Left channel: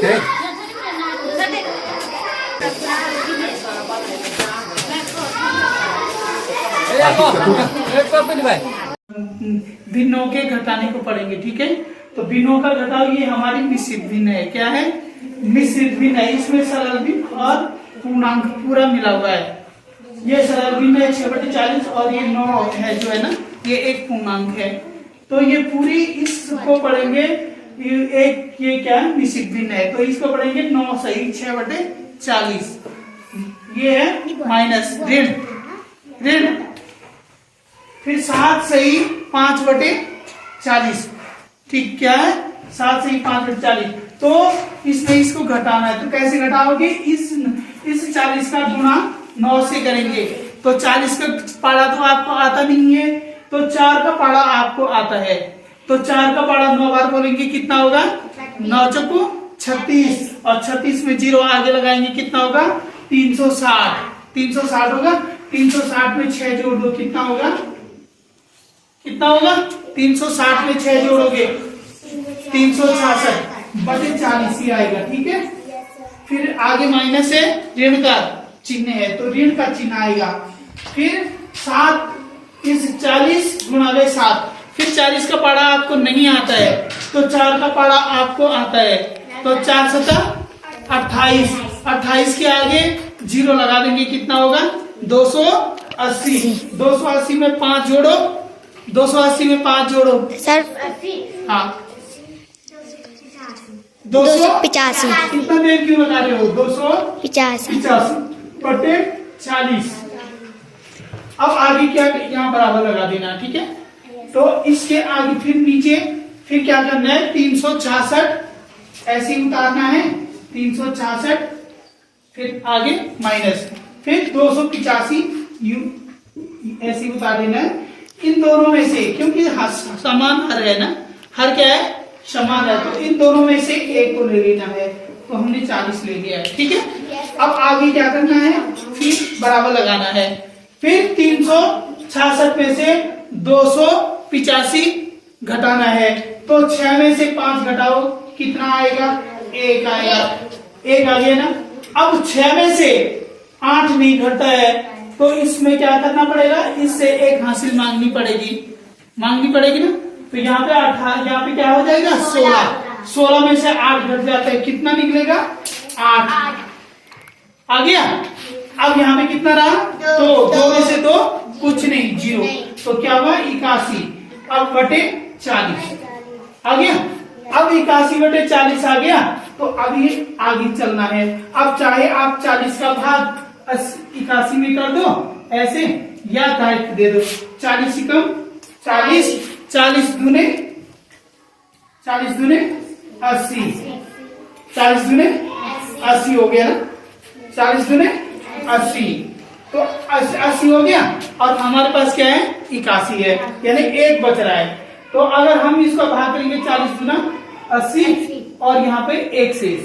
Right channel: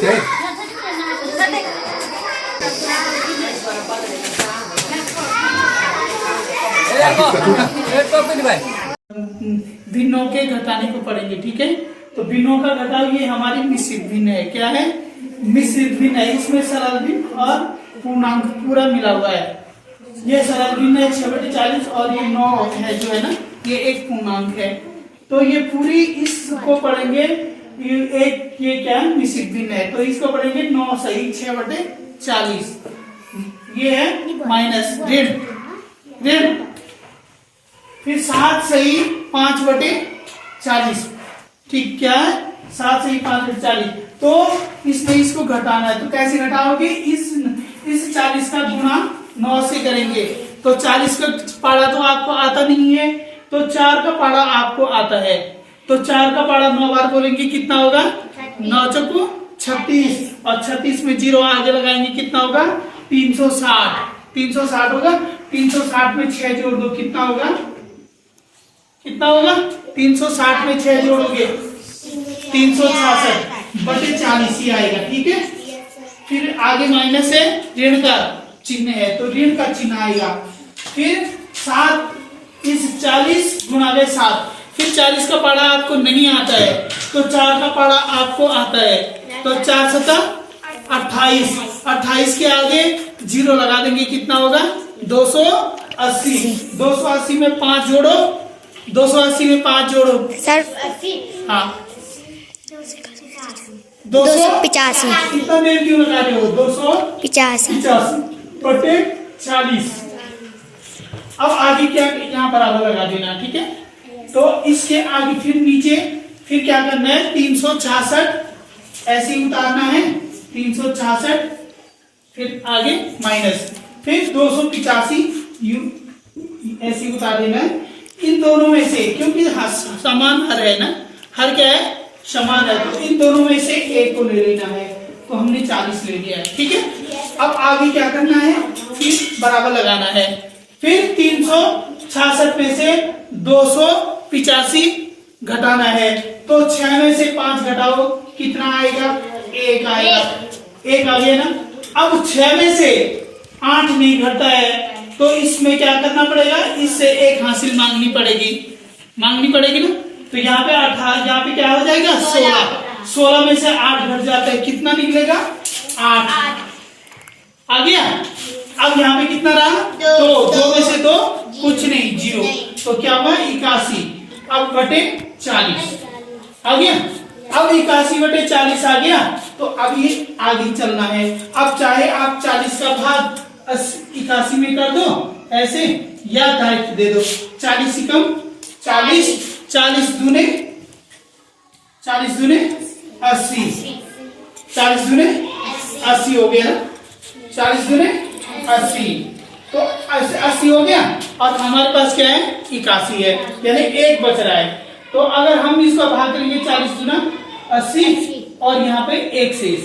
इसके। भिन्नों के घटाने को पढ़ेंगे, ठीक है। तो भिन्नों का घटाव ये हमारी मिश्रित भिन्न है। क्या है? मिश्रित भिन्न है। इसमें सरल भिन्न और पूर्णांक पूरा मिला हुआ है। ये सरल भिन्न है 6/40 और ये 9 है जो है ना, ये एक पूर्णांक है। तो ये पूरी इसको पढ़ेंगे। ये क्या है? मिश्रित भिन्न है। तो इसको पढ़ेंगे 9 सही 6/40। ये है माइनस ऋण। फिर 7 सही 5/40। ठीक, क्या है? 7 सही 5/40। तो इसमें इसको घटाना है। तो कैसे घटाओगे? इस 40 का गुणा 9 से करेंगे। तो 40 का पारा तो आपको आता नहीं है, तो 4 का पारा आपको आता है। तो 4 का पारा 9 बार बोलेंगे कितना होगा? 9 चौको 36 और 36 में 0 आगे लगाएंगे कितना होगा? 360 होगा। 360 में 6 जोड़ दो कितना होगा? 360 में 6 जोड़ोगे 366/40 ही आएगा, ठीक है। फिर आगे माइनस है, ऋण का चिन्ह है तो ऋण का चिन्ह आएगा। फिर 7 इस 40 गुणा 7। फिर 40 का पारा आपको नहीं आता है तो 4 का पारा आपको आता है। तो 4 7 28। 28 के आगे 0 लगा देंगे कितना होगा? 280। 280 में 5 जोड़ो। 280 में 5 जोड़ो सर। हाँ 285। कितना देर क्यों लगा रहे हो? 285/40। अब आगे क्या, यहाँ बराबर लगा देना, ठीक है। तो इसके आगे फिर नीचे फिर क्या करना है? 366 ऐसे ही उतारना है। 366 फिर आगे माइनस, फिर 285 ऐसे ही उतार देना है। इन दोनों में से, क्योंकि समान हर है ना, हर क्या है? समान है। तो इन दोनों में से एक को ले लेना है। तो हमने 40 ले लिया है, ठीक है। अब आगे क्या करना है? फिर बराबर लगाना है। फिर 366 में से 285 घटाना है। तो 6 में से 5 घटाओ कितना आएगा? 1 आएगा। 1 आ गया ना। अब 6 में से 8 नहीं घटता है तो इसमें क्या करना पड़ेगा? इससे 1 हासिल मांगनी पड़ेगी ना। तो यहाँ पे 8, यहाँ पे क्या हो जाएगा? 16। 16 में से 8 घट जाता है, कितना निकलेगा? 8 आ गया। अब यहाँ पे कितना रहा? 2 में से 2 कुछ नहीं, 0। तो क्या हुआ? 81 अब बटे 40 आ गया। अब 81/40 आ गया। तो अब ये आगे चलना है। अब चाहे आप 40 का भाग 81 में कर दो ऐसे, या डायरेक्ट दे दो। 40 से कम 40 दूने 80। 40 दूने 80 हो गया ना। 40 दूने 80 तो 80 हो गया। और हमारे पास क्या है? 81 है, यानी 1 बच रहा है। तो अगर हम इसका भाग करेंगे 40 दूना 80 और यहाँ पे 1 शेष।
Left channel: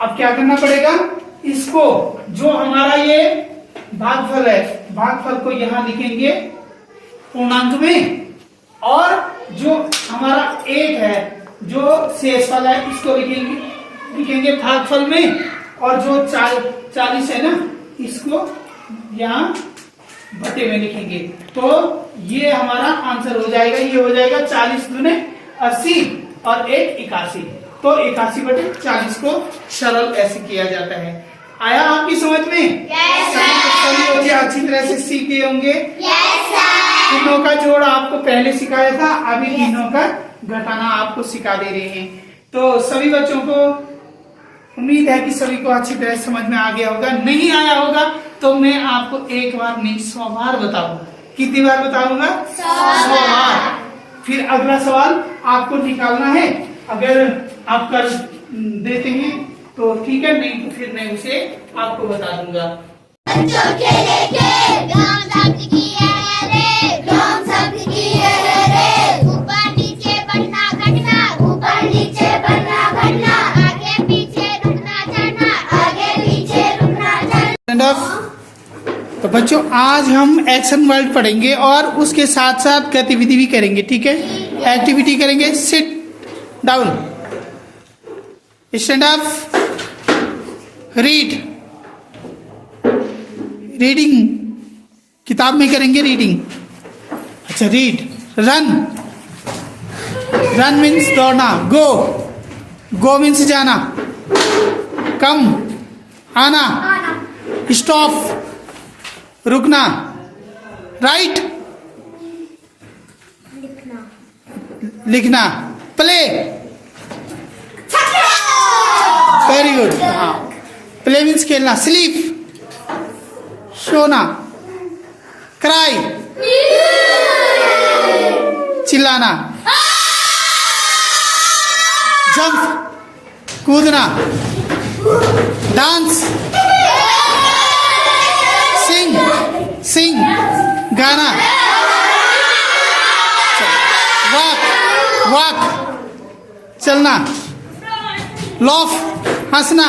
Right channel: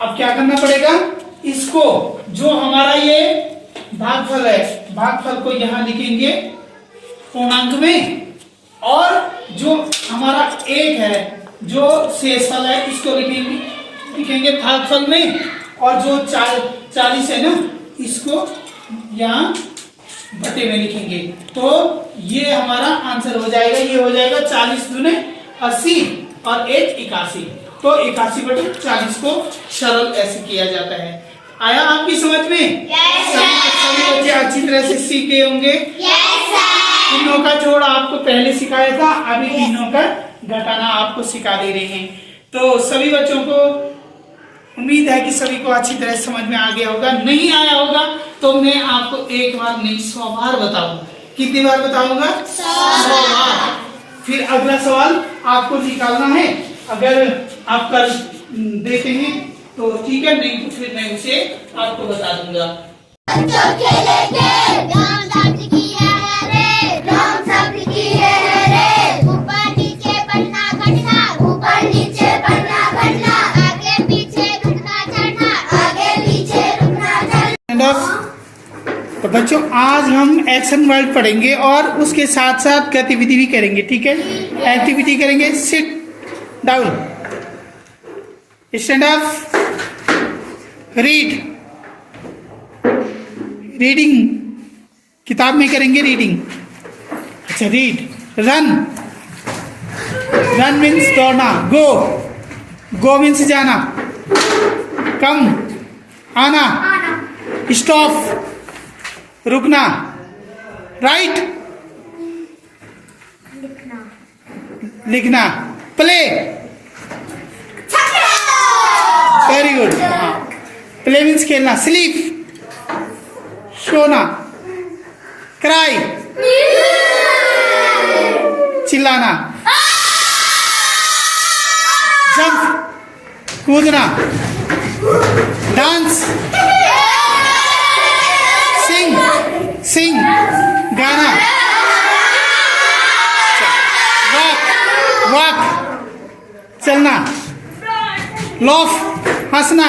अब क्या करना पड़ेगा? इसको जो हमारा ये भागफल है, भागफल को यहाँ लिखेंगे पूर्णांक में, और जो हमारा 1 है जो शेषफल है इसको लिखेंगे भागफल में, और जो 40 है ना इसको यहाँ बटे में लिखेंगे। तो ये हमारा आंसर हो जाएगा। ये हो जाएगा 40 दूने 80 और 1 81। तो 81/40 को सरल ऐसे किया जाता है। आया आपकी समझ में? सभी बच्चे अच्छी तरह से सीखे होंगे। तीनों का जोड़ आपको पहले सिखाया था, अभी तीनों का घटाना आपको सिखा दे रहे हैं। तो सभी बच्चों को उम्मीद है कि सभी को अच्छी तरह समझ में आ गया होगा। नहीं आया होगा तो मैं आपको 1 बार नहीं 100 बार बताऊंगा। कितनी बार बताऊंगा? 100 बार। फिर अगला सवाल आपको निकालना है। अगर आप कर देते हैं तो ठीक है, नहीं तो फिर मैं उसे आपको बता दूंगा। बच्चों के लिए राम शब्द की है रे, राम शब्द की है रे। ऊपर नीचे बढ़ना घटना, ऊपर नीचे बढ़ना घटना, आगे पीछे रुकना चढ़ना, आगे पीछे रुकना चढ़ना। तो बच्चों आज हम एक्शन वर्ड पढ़ेंगे और उसके साथ साथ गतिविधि भी करेंगे, ठीक है। एक्टिविटी करेंगे। Sit down. Stand up, read, reading, किताब में करेंगे रीडिंग। अच्छा रीड, रन, रन मीन्स दौड़ना, गो, गो मीन्स जाना, कम आना, स्टॉप रुकना, राइट लिखना, प्ले, वेरी गुड, हाँ प्ले मीन्स खेलना, स्लीप सोना, क्राई चिल्लाना, जंप कूदना, डांस, सिंग, सिंग गाना, वॉक, वॉक चलना, लॉफ हंसना,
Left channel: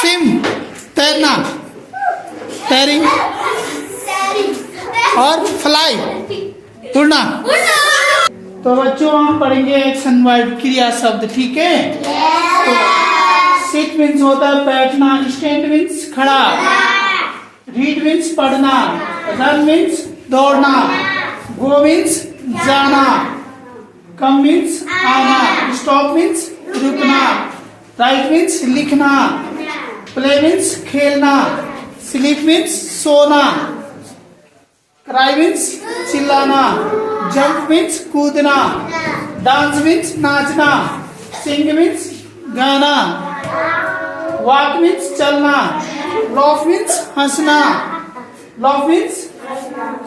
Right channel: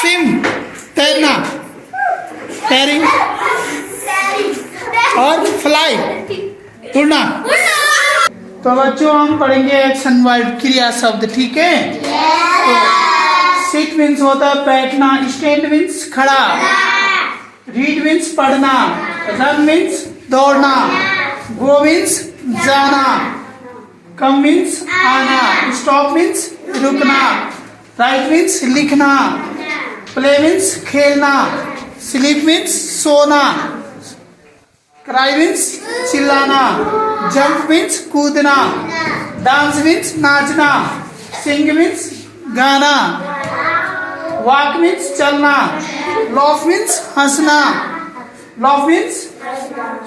स्विम तैरना, तैरिंग, और फ्लाई उड़ना। तो बच्चों हम पढ़ेंगे एक्शन वर्ड क्रिया शब्द, ठीक है? तो सिट मीन्स होता है बैठना, स्टैंड मीन्स खड़ा, रीड मीन्स पढ़ना, रन मीन्स दौड़ना, गो मीन्स जाना, कम मीन्स आना, स्टॉप मीन्स रुकना, राइट मीन्स लिखना, प्ले मीन्स खेलना, स्लीप मीन्स सोना, क्राई मीन्स चिल्लाना, जंप मीन्स कूदना, डांस मीन्स नाचना, सिंग मीन्स गाना, वॉक मीन्स चलना, लॉफ मीन्स हंसना, लॉफ मीन्स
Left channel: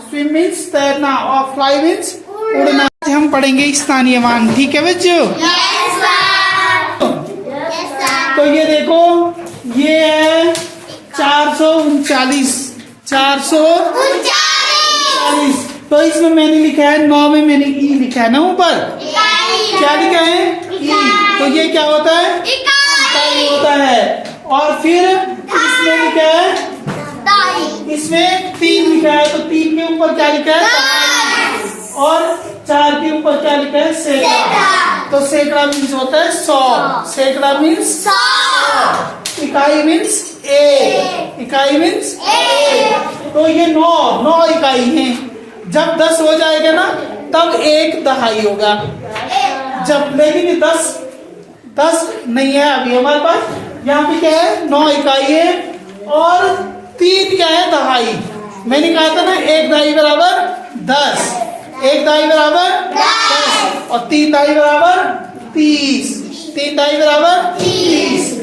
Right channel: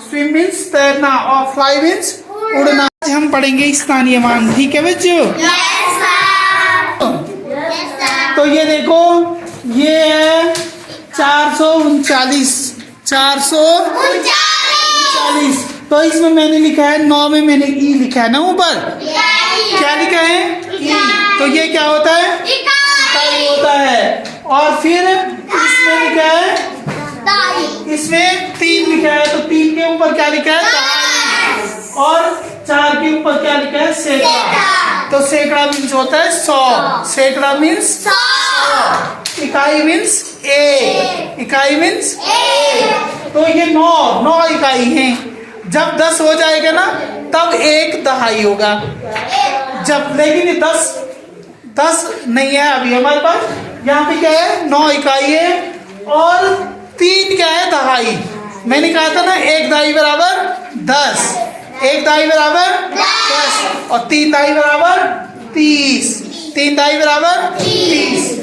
स्विम मीन्स तैरना, और फ्लाई मीन्स उड़ना। हम पढ़ेंगे स्थानीय मान, ठीक है बच्चों? तो ये देखो ये है 439, 439। तो इसमें मैंने लिखा है 9 में मैंने ई लिखा है ना ऊपर, क्या लिखा है? ई। तो ये क्या होता है? इकाई होता है। और फिर इसमें लिखा है, इसमें 3 लिखा है, तो 3 के ऊपर क्या लिखा है? और 4 के ऊपर क्या लिखा है? सैकड़ा। तो सैकड़ा मीन्स होता है 100, सैकड़ा मीन्स 100, इकाई मीन्स एक, इकाई मीन्स एक। तो ये 9 इकाई है। जब 10 हो जाएगा ना तब 1 दहाई होगा। जब लेकिन 10 नहीं है अभी हमारे पास, यहाँ पे क्या है? 9 इकाई है और 3 क्या है? दहाई। मैंने कहा था ना 1 दहाई बराबर 10, 1 दहाई बराबर 10 और 3 दहाई बराबर 30, 3 दहाई बराबर 30।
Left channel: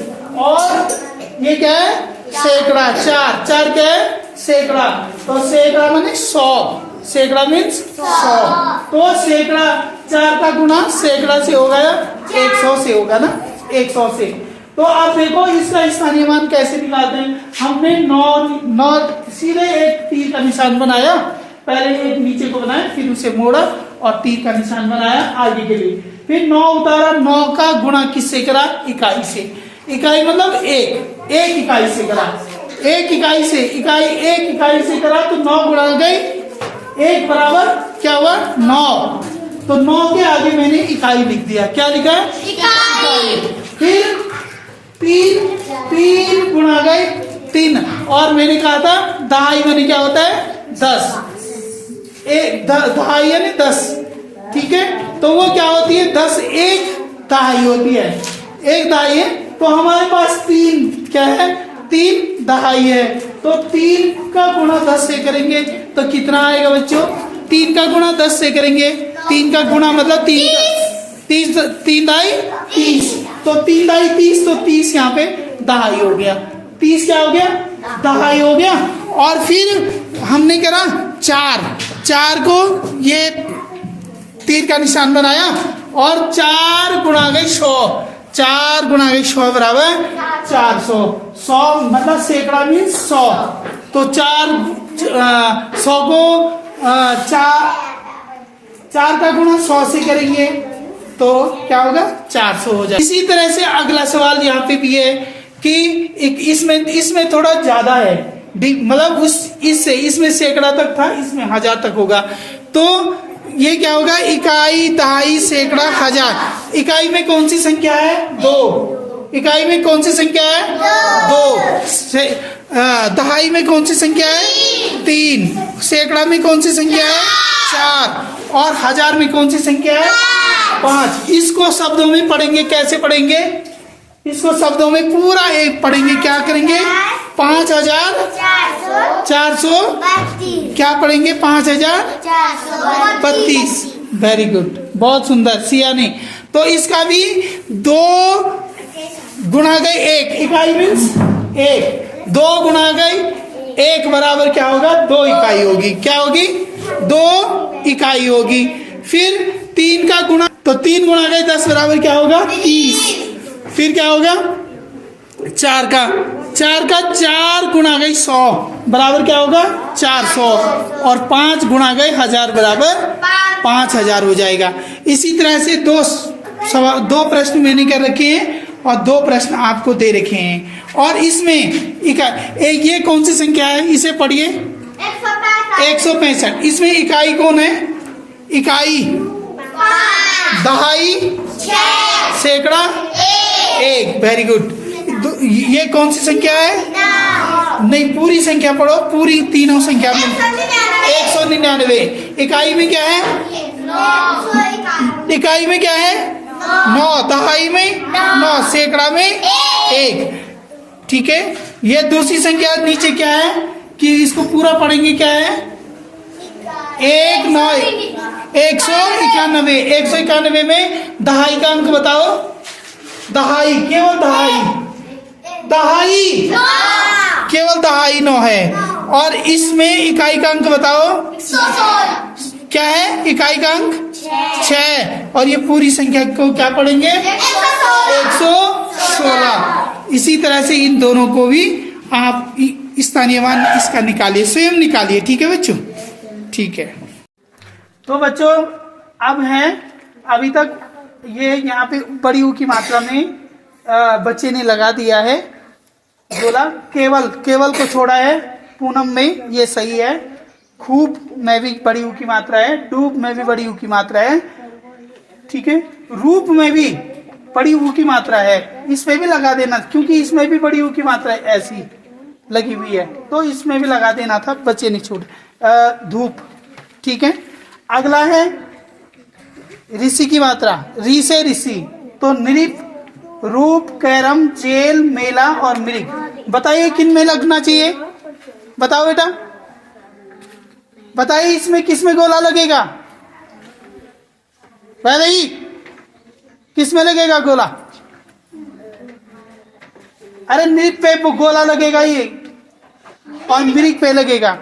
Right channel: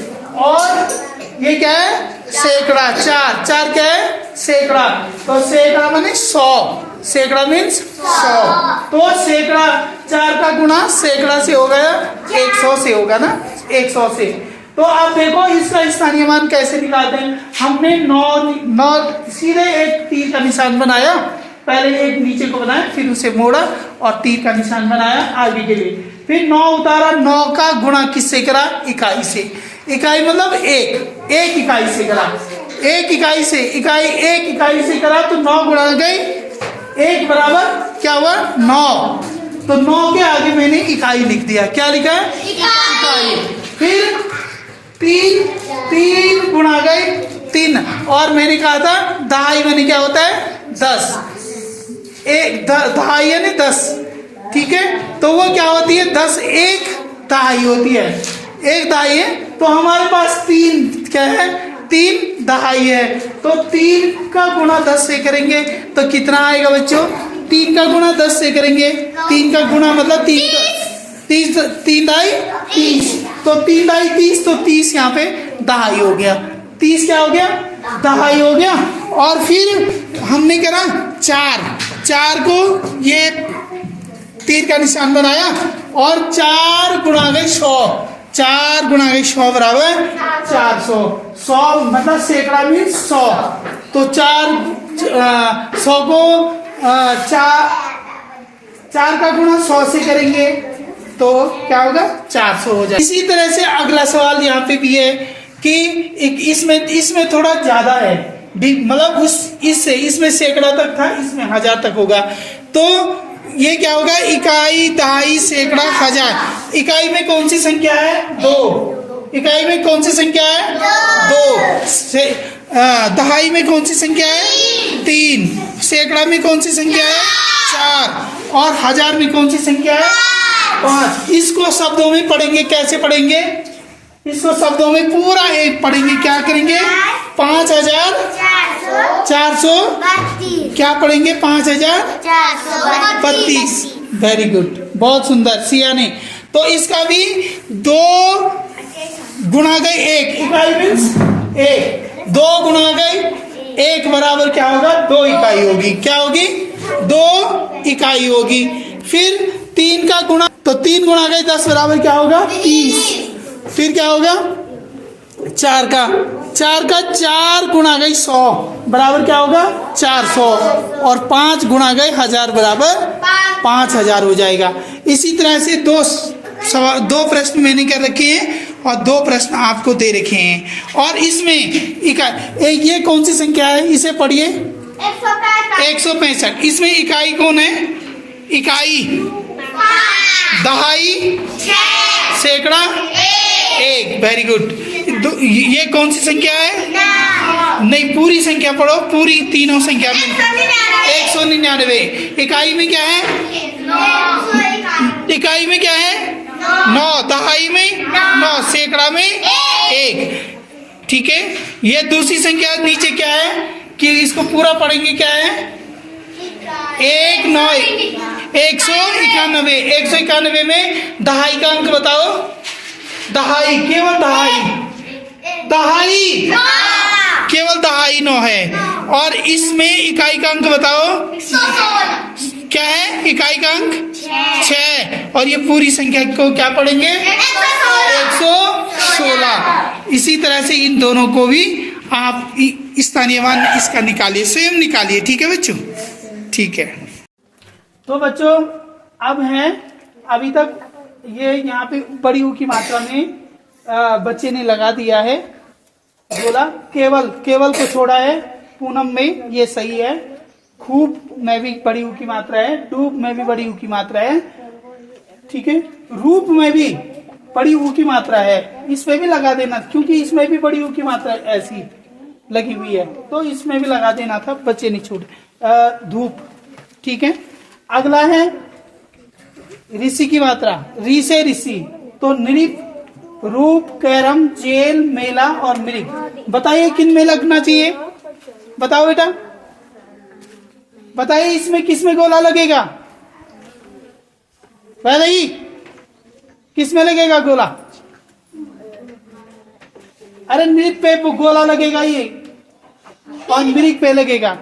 और ये क्या है? सैकड़ा, 4 क्या है? सैकड़ा। तो सैकड़ा माने 100, सैकड़ा मीन्स 100। तो सैकड़ा 4 का गुणा सैकड़ा से हो गया 100 से होगा ना, 100 से। तो आप देखो इसका स्थानीय मान कैसे निकालते हैं। हमने 9 सीधे एक तीर का निशान बनाया, पहले एक नीचे को बनाया, फिर उसे मोड़ा और तीर का निशान बनाया आगे के लिए, फिर 9 उतारा। 9 का गुणा किससे करा? इकाई से। इकाई मतलब एक इकाई से करा, एक इकाई से, एक इकाई से करा तो 9 गुणा गई 1 बराबर क्या हुआ? 9। तो 9 के आगे मैंने इकाई लिख दिया। क्या लिखा है? इकाई। फिर 3 गुणा गए 3, और मैंने कहा था दहाई मैंने क्या होता है? 10, दहाई है ना 10, ठीक है? तो वो क्या होती है? 10 1 दहाई होती है, 1 दहाई है। तो हमारे पास 3 क्या है? 3 दहाई है। तो 3 का गुणा 10 से करेंगे तो कितना आएगा बच्चों? 3 का गुणा 10 से करेंगे, 3 का गुणा मतलब 3 दहाई 30। तो 3 दहाई 30, तो 30 यहाँ पे दहाई हो गया। 30 क्या हो गया? दहाई हो गया। और फिर हमने करा 4 को ये तीर का निशान बनाया और 4 गुणा गए 100, 4 गुणा गए 100 बराबर 400। 100 मतलब सैकड़ा मीन्स 100। तो 100 को 4 का गुणा 100 से करेंगे तो क्या होगा? 400 हो जाए। इसी तरह से अगला सवाल यहाँ पे भी है कि इसमें थोड़ा ज्यादा है, मतलब इसमें सैकड़ा तक था, इसमें 1000 तक होगा। तो ये क्या होगा? इकाई, दहाई, सैकड़ा, हजार। इकाई में कौन सी संख्या है? 2। इकाई में कौन सी संख्या है? 2। दहाई में कौन सी संख्या है? 3। सैकड़ा में कौन सी संख्या है? 4। और हजार में कौन सी संख्या है? 5। इसको शब्दों में पढ़ेंगे। कैसे पढ़ेंगे इसको? शब्दों में पूरा एक पढ़ेंगे। क्या करेंगे? 5432। क्या पढ़ेंगे? 5432। वेरी गुड, बहुत सुंदर सियानी। तो इसका भी 2 गुणा गई 1। इकाई मीन्स 1। 2 गुणा गई 1 बराबर क्या होगा? 2 इकाई होगी। क्या होगी? 2 इकाई होगी। फिर 3 का गुणा, तो 3 गुणा गई 10 बराबर क्या होगा? 30। फिर क्या होगा? 4 का 4 गुणा गई 100 बराबर क्या होगा? 400। और 5 गुणा गए 1000 बराबर 5000 हो जाएगा। इसी तरह से 2 प्रश्न मैंने कर रखे हैं और 2 प्रश्न आपको दे रखे हैं। और इसमें ये कौन सी संख्या है? इसे पढ़िए। 165। इसमें इकाई कौन है? इकाई, दहाई, सैकड़ा, 1। Very good. ये कौन सी संख्या है? नहीं, पूरी संख्या पढ़ो। पूरी तीनों संख्या में 199। इकाई में क्या है? इकाई में क्या है? 9। दहाई में 9। सैकड़ा में 1। ठीक है। ये दूसरी संख्या नीचे क्या है कि इसको पूरा पढ़ेंगे। क्या है? 191। 191 में दहाई का अंक बताओ। दहाई, केवल दहाई केवल दहाई 9 है। और इसमें इकाई का अंक बताओ। क्या है? इकाई का अंक 6। और ये पूरी संख्या को क्या पढ़ेंगे? 116। इसी तरह से इन दोनों को भी आप स्थानीयमान इसका निकालिए, स्वयं निकालिए। ठीक है बच्चों? ठीक है। तो बच्चों अब है, अभी तक ये यहाँ पे बड़ी ऊ की मात्रा में बच्चे ने लगा दिया है गोला। केवल को छोड़ा है। पूनम में ये सही है। खूब में भी बड़ी ऊ की मात्रा है। डूब में भी बड़ी ऊ की मात्रा है। ठीक है। रूप में भी बड़ी ऊ की मात्रा है। इसमें भी लगा देना, क्योंकि इसमें भी बड़ी ऊ की मात्रा ऐसी लगी हुई है, तो इसमें भी लगा देना था। बच्चे नहीं छोड़े। धूप। ठीक है। अगला है ऋषि की मात्रा। री से ऋषि, तो नृप, रूप, कैरम, जेल, मेला और मृग। बताइए किन में लगना चाहिए? बताओ बेटा, बताइए इसमें किस में गोला लगेगा? भाई किस में लगेगा गोला? अरे नृप पे गोला लगेगा ये, और मृग पे लगेगा।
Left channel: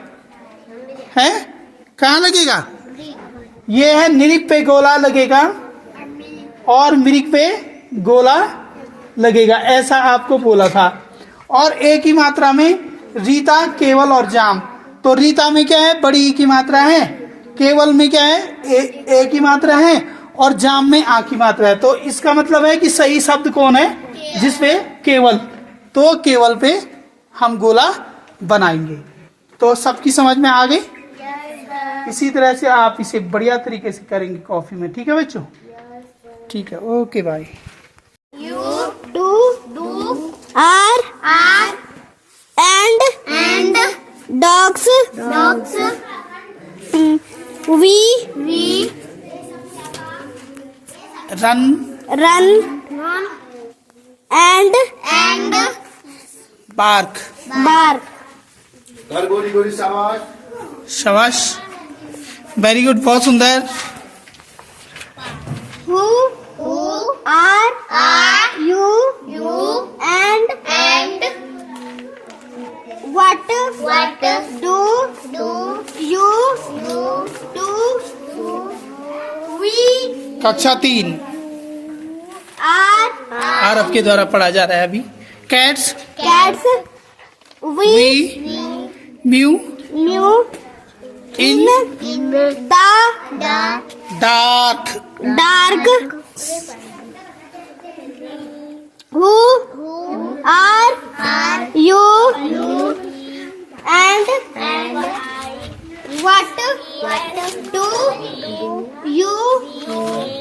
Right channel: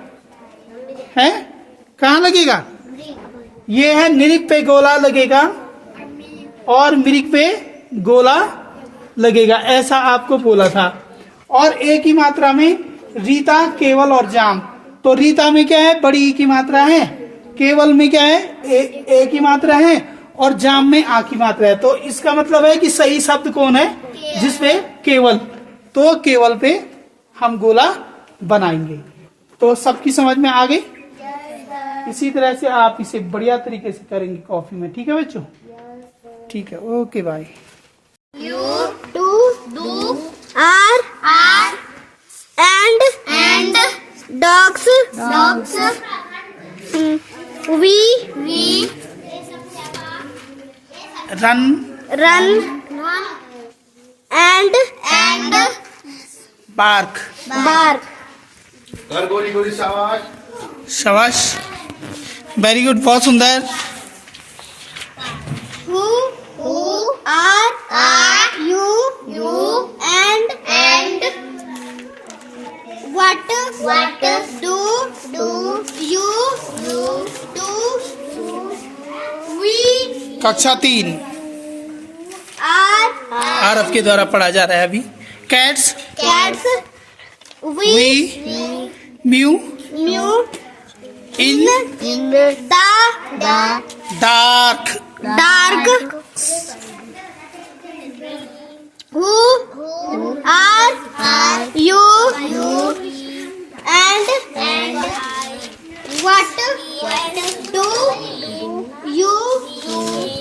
है? कहाँ लगेगा? ये है नृप पे गोला लगेगा और मृग पे गोला लगेगा, ऐसा आपको बोला था। और एक ही मात्रा में रीता, केवल और जाम। तो रीता में क्या है? बड़ी ई की मात्रा है। केवल में क्या है? एक ही मात्रा है। और जाम में आ की मात्रा है। तो इसका मतलब है कि सही शब्द कौन है? जिसपे केवल, तो केवल पे हम गोला बनाएंगे। तो सबकी समझ में आ गई? इसी तरह से आप इसे बढ़िया तरीके से करेंगे कॉफी में। ठीक है बच्चों? ठीक है। Okay bye. You, do, are, and, dogs, we, run, and, bark, शाबाश, वेरी गुड, बहुत सुंदर। who, are, you, and, what, do, you, do, we, कक्षा 3 are, आरफ के द्वारा पढ़ा जा रहा है अभी। Cats, we, mu, in the, dark, who, are, you, and, what, 2 U